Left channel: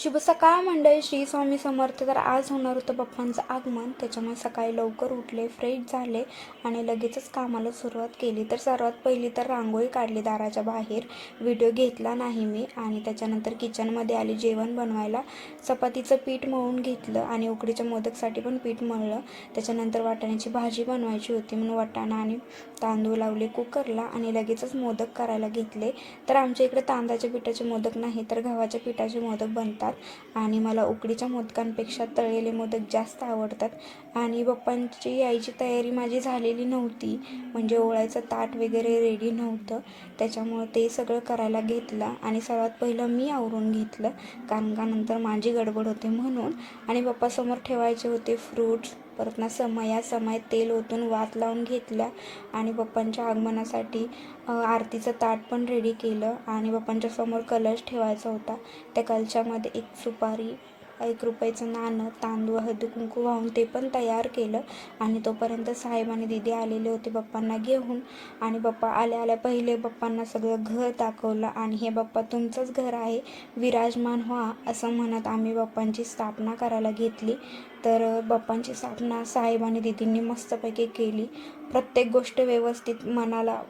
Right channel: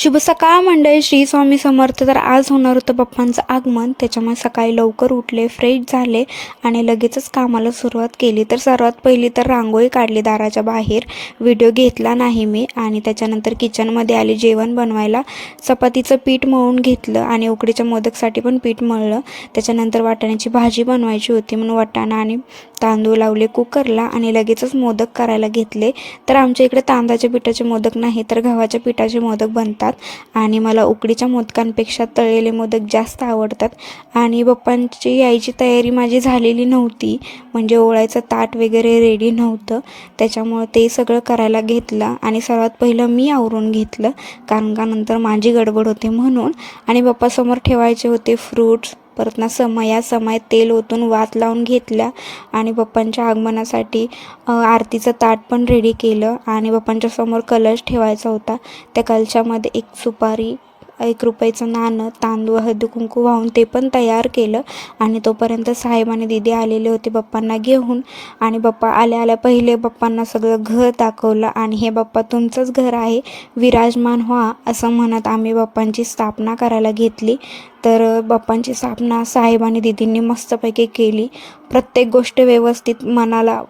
शुभ सकाळ मंडळी. श्री स्वामी समर्थ. तर आज होणार होतं पप्पांचं आगमन. त्याच्यामुळे सकाळी लवकर उठले फ्रेश झाले आणि लगेचच कामाला सुरुवात केली. तर सर्वात पहिली तर रांगोळी काढली दाराच्या बाहेर. व्हिडिओ घेतला नाही मी आणि त्याच्यानंतर किचनमध्ये आले जेवण बनवायला. चपातीचं पीठ मळून घेतलं आणि उकडीच्या मोदकसाठी पण पीठ मळलं. त्याच्यानंतर वाटाण्याची भाजी बनवायची होती म्हणून वाटाणा आणि तांदूळ लावले कुकरला आणि लगेचच मोदक करायला घेतले. तर आमच्या इकडे तांदळाच्या पिठाचे मोदक नाही तर गव्हाच्या पिठाचे मोदक बनतात. आणि मला उकडीच्या मोदकांपेक्षा तळलेले मोदक जास्त आवडतात. आणि पप्पांची यायची तयारी माझी झालेली नव्हती. म्हणजे ओळायचं ताट वगैरे रेडी नव्हतं. त्याच्यामुळं ते सगळं करायला घेतलं. आणि सर्वात पहिलं मी आवरून घेतलं. कारण का नंतर माझी गडबड होते म्हणून. आणि पप्पासमोर ठेवायचे होते फ्रूट्स परत ना समया समय तेल ओतून वात लावून घेतल्या आणि बाप्पांच्या आगमनासाठी आरतीचं ताट पण रेडी केलं आणि पप्पांच्या समोर कलश ठेवायचा होता. त्या कलशामध्ये एक सुपारी एक रुपयाचं नाणं तांदूळ हळदी कुंकू वाहून ते पण तयार केलं आणि तोपर्यंत साहेब आणि दिदी आलेले होते बाप्पांना घेऊन. आणि बाप्पा आल्या आल्या पहिले बाप्पांना सगळं घर दाखवलं आणि हे बाप्पा तुमचंच घर आहे विराजमान व्हा असं म्हणत आम्ही बाप्पांची स्थापना करायला घेतली. तर बाप्पांची स्थापना साहेब आणि दिदींनी मस्तपैकी केली. प्रत्येक गोष्ट व्यवस्थित मनाला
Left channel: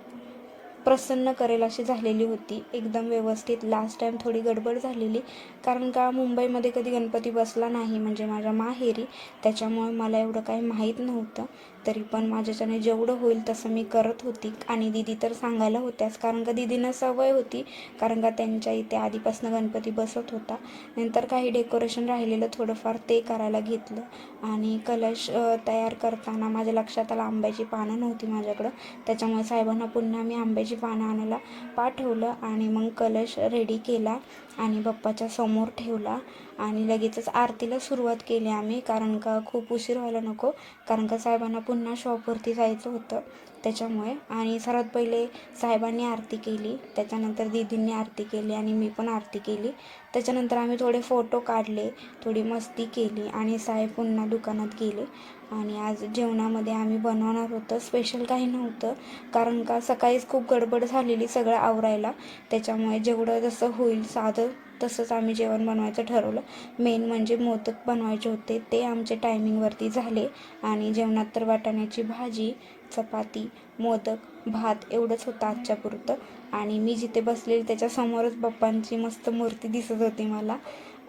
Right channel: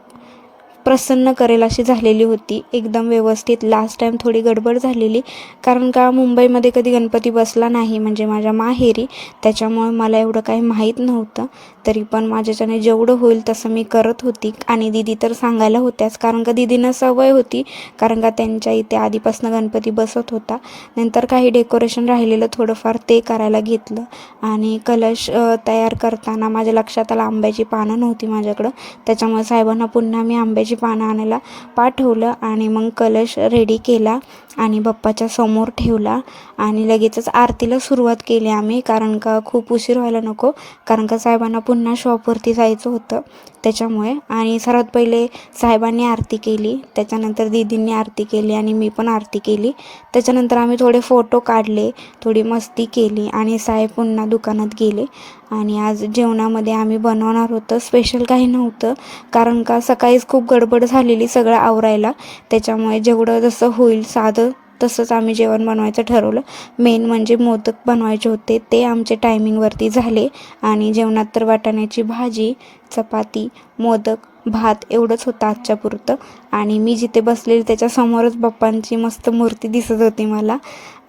प्रसन्न करेल अशी झालेली होती. एकदम व्यवस्थित. लास्ट टाईम थोडी गडबड झालेली. कारण का मुंबईमध्ये कधी गणपती बसला नाही? म्हणजे माझ्या माहेरी त्याच्यामुळे मला एवढं काही माहीत नव्हतं. तरी पण माझ्याच्याने जेवढं होईल तसं मी करत होती. आणि दिदी तर सांगायला होत्याच. कारण का दिदीनं सवय होती. कारण का त्यांच्या इथे आधीपासून गणपती बसत होता. नंतर काही डेकोरेशन राहिलेलं थोडंफार ते करायला घेतलं. आणि कलश तयार करताना माझ्या लक्षात आलं आंब्याची पानं नव्हती माझ्याकडं. त्याच्यामुळे साहेबांना पुन्हा मी आंब्याची पानं आणायला पाठवलं आणि मग कलश रेडी केला. आणि बाप्पाच्या समोर ठेवला आणि लगेचच आरतीला सुरुवात केली आम्ही कारण का खूप उशीर व्हायला नको कारण का साहेबांना पुन्हा शॉपवरती जायचं होतं त्याच्यामुळे. आणि सर्वात पहिले साहेबांनी आरती केली त्याच्यानंतर दीदींनी आरती केली आणि मी पण आरती केली. त्याच्यानंतर आम्ही थोडे फोटो काढले थोडी मस्ती केली आणि साहेब पुन्हा दुकानात गेले. आणि आज जेवणामध्ये आम्ही बनवणार होतं. स्पेशल काही नव्हतं कारण का सकाळीच खूप गडबड झालेली सगळं आवरायला. त्याच्यामुळे जेवढं जसं होईल साधं तसंच आम्ही जेवण बनवायचं ठरवलं. मेन म्हणजे मोदक बनवायचे होते. ते आमचे टायमिंगवरती झाले. आणि जेवणात तर वाटाण्याची भाजी चपाती मोदक भात एवढंच होतं आजच्या पुरतं. आणि मी जिथे बसलेली त्याच्यासमोरच बाप्पांची मस्त मूर्ती दिसत होती मला.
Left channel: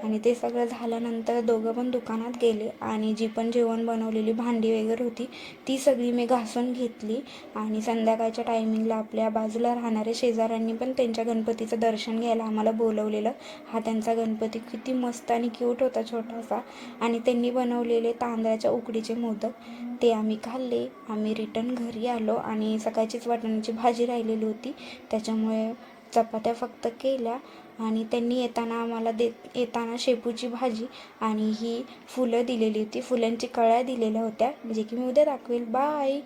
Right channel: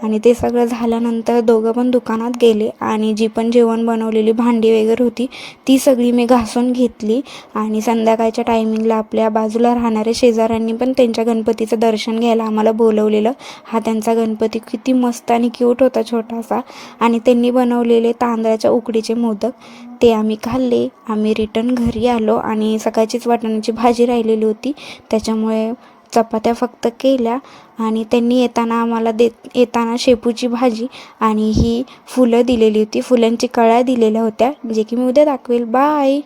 आणि ते सगळं झाल्यानंतर दोघं पण दुकानात गेले आणि जी पण जेवण बनवलेली भांडी वगैरे होती ती सगळी मी घासून घेतली. आणि संध्याकाळच्या टायमिंगला आपल्या बाजूला राहणाऱ्या शेजाऱ्यांनी पण त्यांच्या गणपतीचं दर्शन घ्यायला आम्हाला बोलवलेलं. हा त्यांचा गणपती किती मस्त आणि क्यूट होता छोटासा. आणि त्यांनी बनवलेले तांदळाच्या उकडीचे मोदक ते आम्ही खाल्ले. आम्ही रिटर्न घरी आलो आणि आणि सकाळचीच वाटाण्याची भाजी राहिलेली होती. त्याच्यामुळे चपात्या फक्त केल्या आणि त्यांनी येताना आम्हाला देत येताना शेपूची भाजी आणि ही फुलं दिलेली होती. फुलांची कळ्या दिलेल्या होत्या. जे की मी उद्या दाखवेल. बाय